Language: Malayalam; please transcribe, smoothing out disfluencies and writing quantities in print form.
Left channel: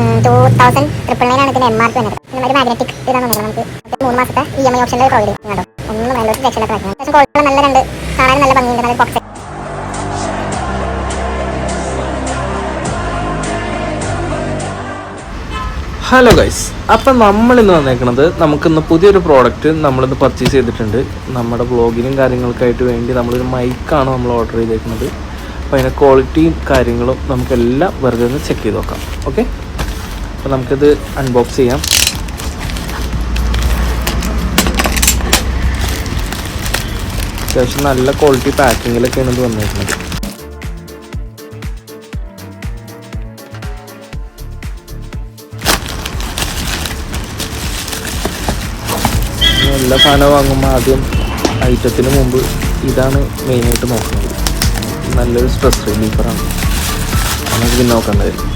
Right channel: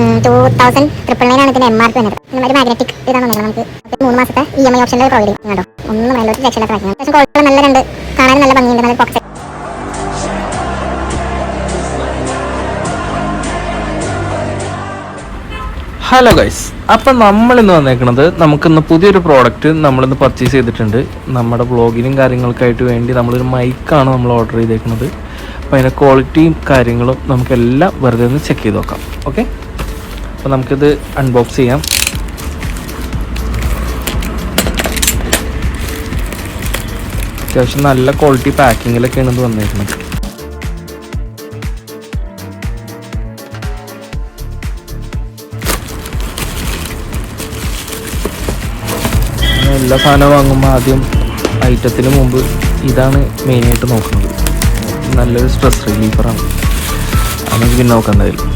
2999 ഇതിന്റെ MRP വന്നത്. ഒരു മാഗ്നറ്റിക് ഇതാണ് നമുക്ക് 3 മാസത്തെ EMI ഓപ്ഷനിൽ പ്രൊവൈഡ് ചെയ്യുന്നുണ്ട്. ലക്ഷങ്ങളൊക്കെ വരുന്നത്. പക്ഷേ ക്വാളിറ്റി നല്ലതുണ്ട്, കാണാൻ നല്ല ഭംഗിയുണ്ട്. നമുക്ക് ഹലോ ഗൈസ്, അപ്പം നമ്മളിന്ന് വന്നേക്കുന്നത് നമുക്കിന്ന് പുതിയൊരു പ്രോഡക്റ്റ് നമ്മളിന്ന് പർച്ചേസ് ചെയ്തിട്ടുണ്ട്. നമ്മുടെ വ്ളോഗിനും കാര്യങ്ങൾക്കായിട്ട് വേണ്ടി നമ്മളൊരു മൈക്കാണ് നമ്മൾ ഓർഡർ ചെയ്തേക്കുന്നത്. അപ്പോൾ അതിൻ്റെ ക്വാളിറ്റിയും കാര്യങ്ങളും നമുക്കെല്ലാം വെറുതെ ഒന്ന് ചെക്ക് ചെയ്ത് നോക്കാം. ഓക്കെ, അപ്പോൾ നമുക്കിത് അൺബോക്സ് ചെയ്യാം. അത്യാവശ്യം നല്ല ക്വാളിറ്റി പാക്കിങ്ങിലൊക്കെ ഇത് വന്നേക്കുന്നത്. സാധനം വാങ്ങുമ്പോൾ ആദ്യം ഐറ്റത്തിന് മുമ്പ് ഇതാണ് മെയിനായിട്ട് നോക്കുന്നത്. നല്ലൊരു സ്ട്രെസ് റിലീഫറാണ്. നമുക്ക് നോക്കാൻ കഴിയും.